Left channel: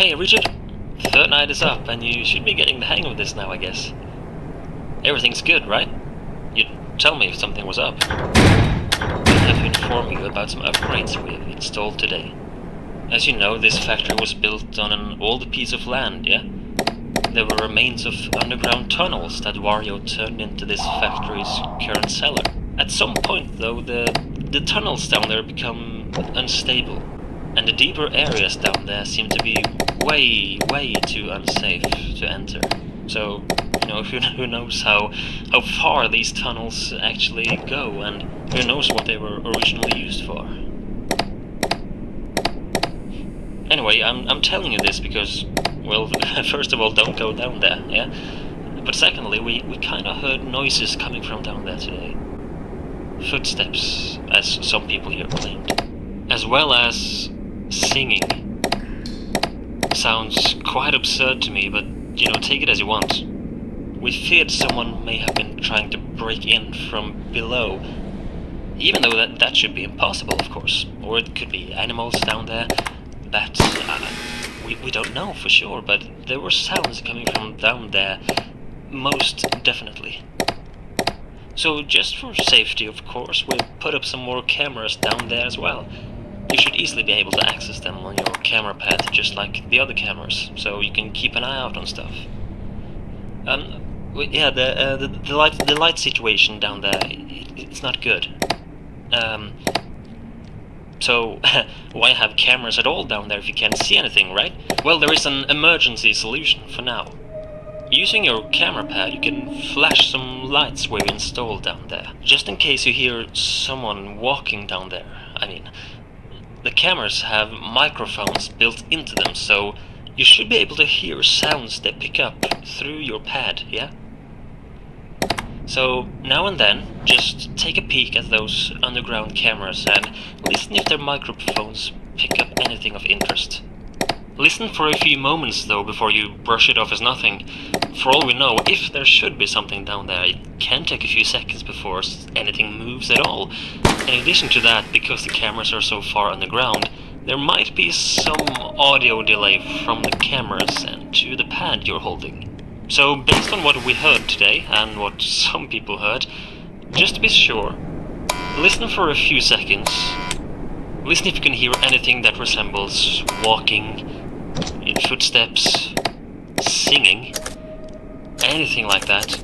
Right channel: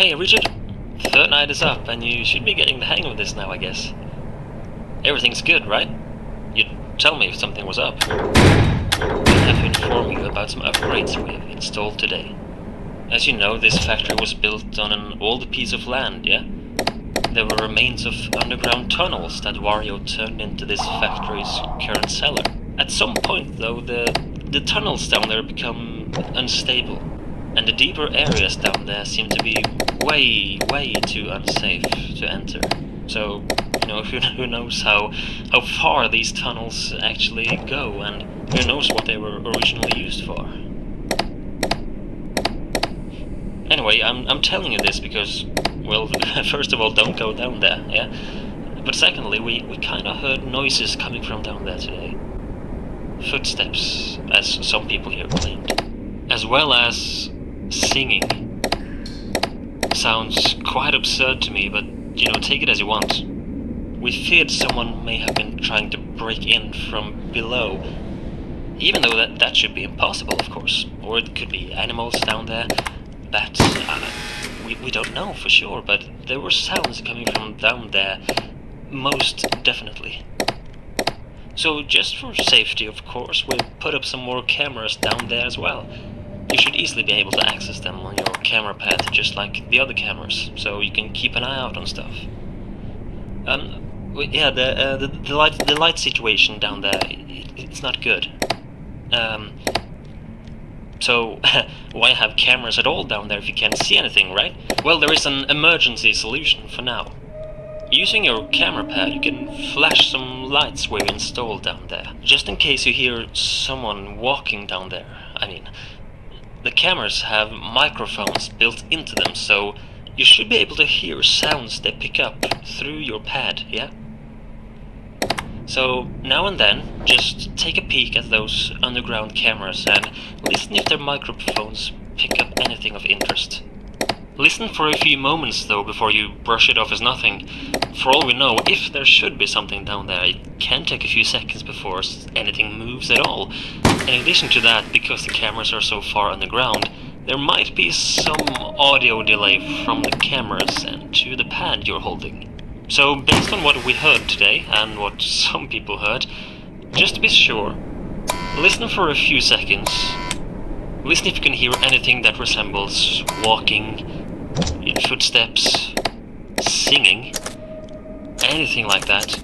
Hey Richard, third night is up and you should be getting the hang of this now, I guess. Everything's good, right? You'd tell me if something was up. I have to inform you about some upgrades we've installed today. As you know, this factory was built on an old piece of land, yeah? There were remains of underground tunnels that Wario turned into this factory's current cellar. At some point, though, the tunnels down there become unstable, and the deeper areas down there seem to be way too unsafe to enter. So, you know, who knows how far these tunnels actually go, and who knows what they were originally used for. Anyway, I'm telling you this because, well, first of all, don't go down there, yeah? But secondly, we kinda heard noises coming from down there today. Footsteps, as some people here claimed. As well as singing. Sounds quite absurd to me, but, you know, take it as you want. We feared someone may have been trying to break in from below, even though that should be impossible, of course. Or it could be animals down there. That, we don't know for sure, but there were sounds coming from down there, most definitely. So just for safety, of course, we've put up some more cameras down there as well. You should easily be able to access them on your camera pad, just like the other cameras, so you can keep an eye out on stuff. Yeah, the light situation down there, it's not good. So, why have cameras at all down there if you can't see anything, right? Well, there is an emergency solution for now. Using your camera pad, you can flash some lights we've installed down there, just in case you hear someone walking down there. I mean, the cameras have microphones built into them, so you should be able to hear sounds they pick up through your pad, yeah? So, now and then, just take a peek at those underground cameras and listen if their microphones pick up anything of interest. Listen for a few moments, though, before you brush it off as nothing. For all we know, if there should be something down there, it can take a few seconds before anything moves at all. In addition to that, because the cameras are so far underground, there might be some audio delay from the cameras and to the pad you're holding. So, based on what we heard today, and what some people heard, just to be sure, listen for a few seconds. Listen if you can hear anything that resembles walking, footsteps, singing, anything like that.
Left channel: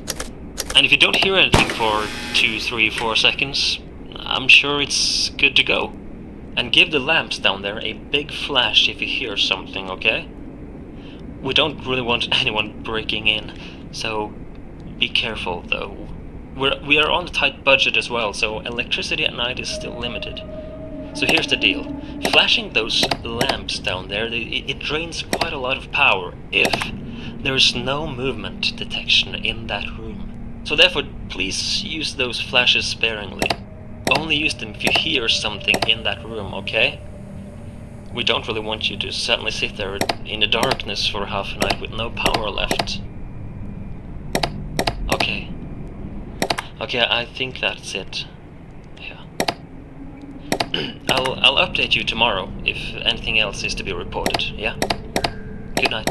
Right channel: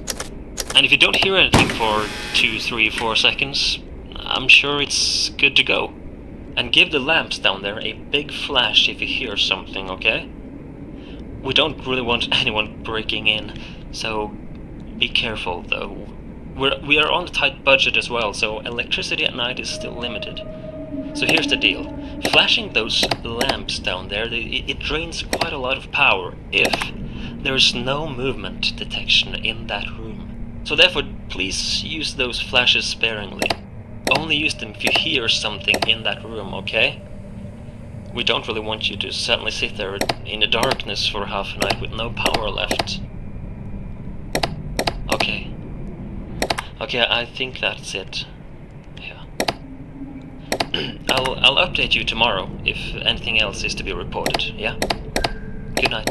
And if you don't hear anything for 2, 3, 4 seconds, I'm sure it's good to go. And give the lamps down there a big flash if you hear something, okay? We don't really want anyone breaking in, so be careful though. We are on a tight budget as well, so electricity at night is still limited. So here's the deal. Flashing those lamps down there, it drains quite a lot of power if there's no movement detection in that room. So therefore, please use those flashes sparingly. Only use them if you hear something in that room, okay? We don't really want you to suddenly sit there in the darkness for half a night with no power left. Okay. Okay, I think that's it. Yeah. I'll update you tomorrow if anything else is to be reported, yeah? Good night.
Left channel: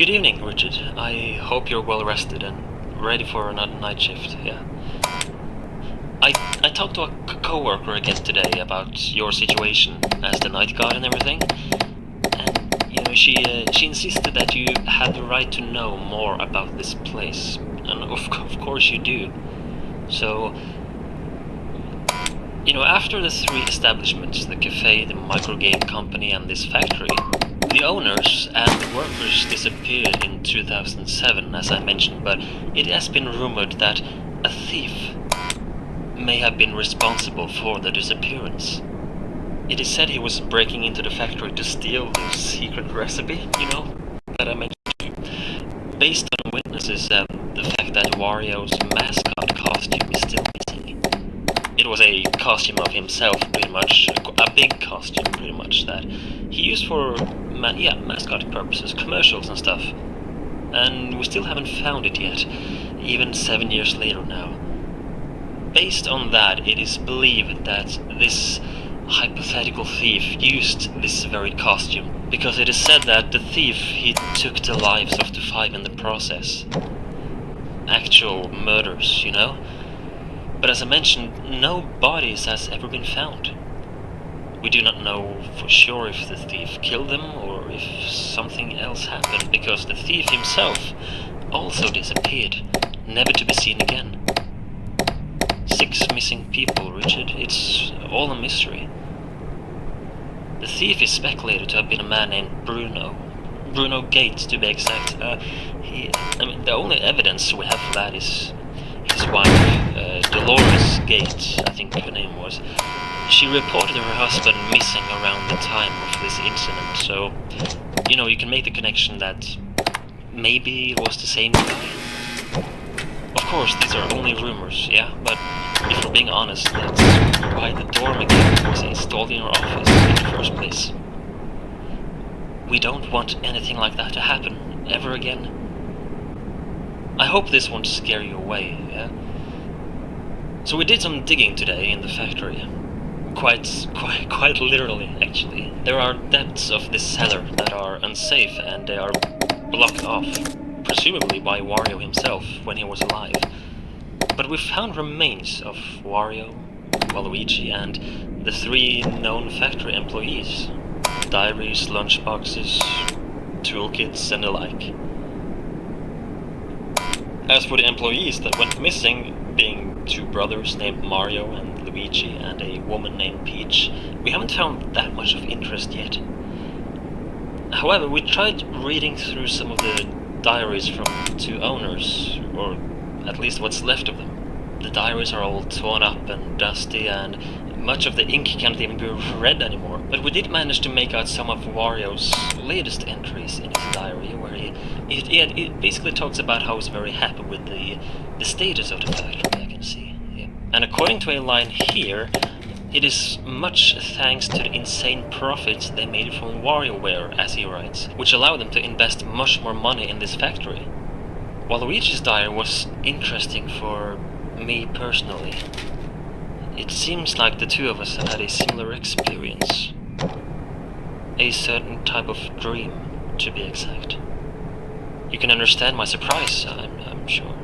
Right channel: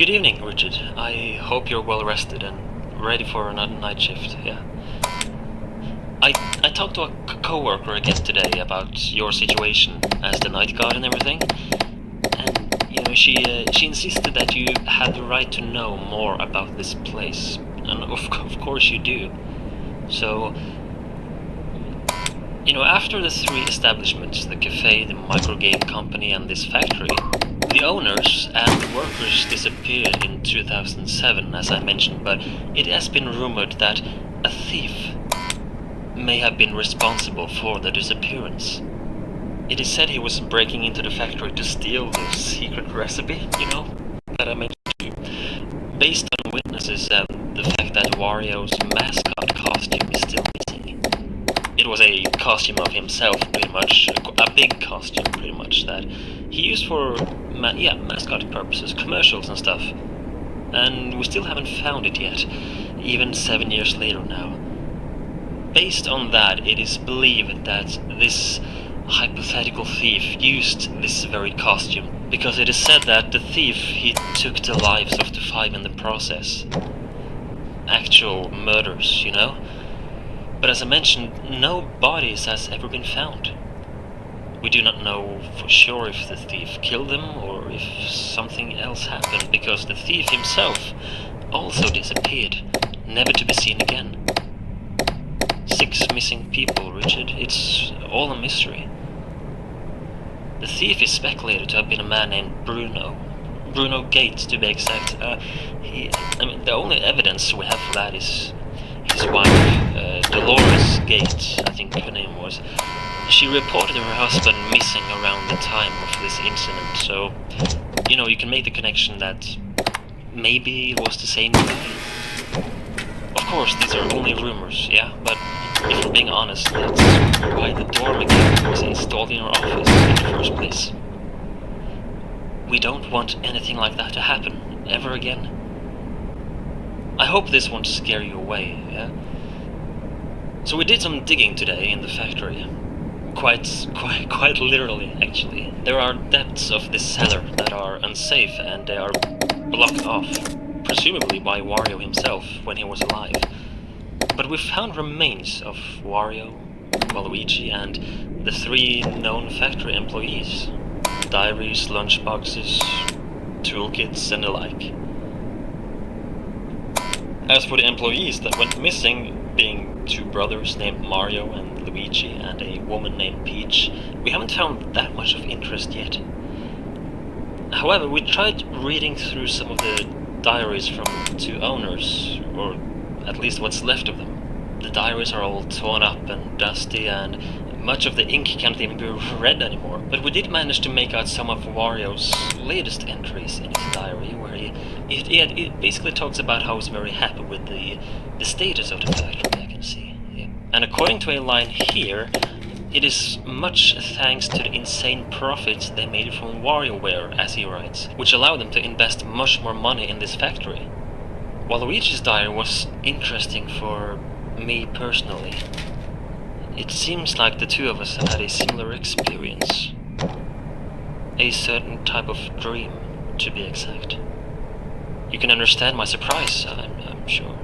Good evening, Richard. I hope you're well rested and ready for another night shift, yeah. I talked to a co-worker again today about your situation as the night guard and everything, and, you know, she insisted that you had the right to know more about this place, and of course you do. So, you know, after the three establishments, the cafe, the microgame company, and this factory, the owners and the workers disappeared in 2007, as I mentioned, but it has been rumored that a thief may have been responsible for the disappearance. It is said he was breaking into the factory to steal the secret recipe, you know, that I mentioned to you. Based on witnesses and the fact that Wario's mascot costume is still missing. It was a costume of himself, pretty much, a big costume, pretty much, that he used for, mascot purposes, commercials and stuff. And we still haven't found it yet, even 7 years later now. Based on that, it is believed that this hypothetical thief used this very costume, because it is said that the thief, he took the lives of the 5 in the process. Actual murders, you know? But as I mentioned, no bodies has ever been found. We do not know for sure if the thief killed them or if something else happened, because the thief himself also disappeared, never to be seen again. 6 missing people, Richard. It's all a mystery. The thief is speculated to have been a man named Bruno Gates, to be exact. The only evidence we have for that is his wife, Dolores Gates, I think her name was. She reported her husband missing around the time of this incident, so, you know, you can make the connection that maybe it was the same guy. Of course, these are only rumors, yeah, but if we're being honest, that's why the door mechanic was installed in our office in the first place. We don't want anything like that to happen ever again. I hope this won't scare you away, yeah? So we did some digging today in the factory. Quite literally, actually. There are depths of this cellar that are unsafe and they are blocked off, presumably by Wario himself when he was alive. But we found remains of Wario, Waluigi, and the 3 known factory employees. Diaries, lunchboxes, toolkits, and the like. As for the employees that went missing, being 2 brothers named Mario and Luigi, and a woman named Peach, we haven't found that much of interest yet. However, we tried reading through some of the diaries from 2 owners, or at least what's left of them. The diaries are all torn up and dusty, and much of the ink can't even be read anymore. But we did manage to make out some of Wario's latest entries in his diary, where he basically talks about how he's very happy with the status of the factory, I can see. Yeah. And according to a line here, it is much thanks to the insane profits they made from WarioWare, as he writes, which allowed them to invest much more money in this factory. Waluigi's diary was interesting for me personally. It seems like the 2 of us have had a similar experience. A certain type of dream, to be exact. You can understand my surprise, I'm sure.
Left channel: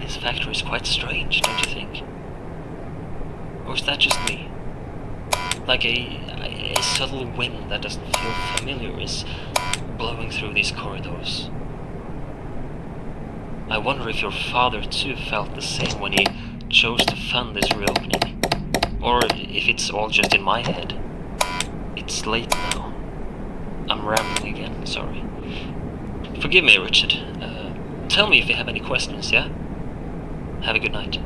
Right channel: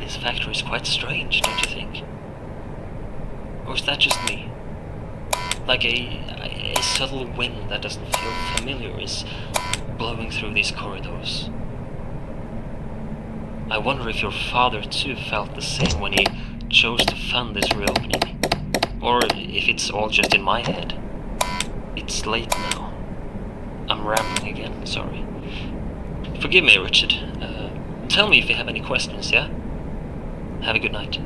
This factory is quite strange, don't you think? Or is that just me? Like a subtle wind that doesn't feel familiar is blowing through these corridors. I wonder if your father too felt the same when he chose to fund this reopening. Or if it's all just in my head. It's late now. I'm rambling again, sorry. Forgive me, Richard. Tell me if you have any questions, yeah? Have a good night.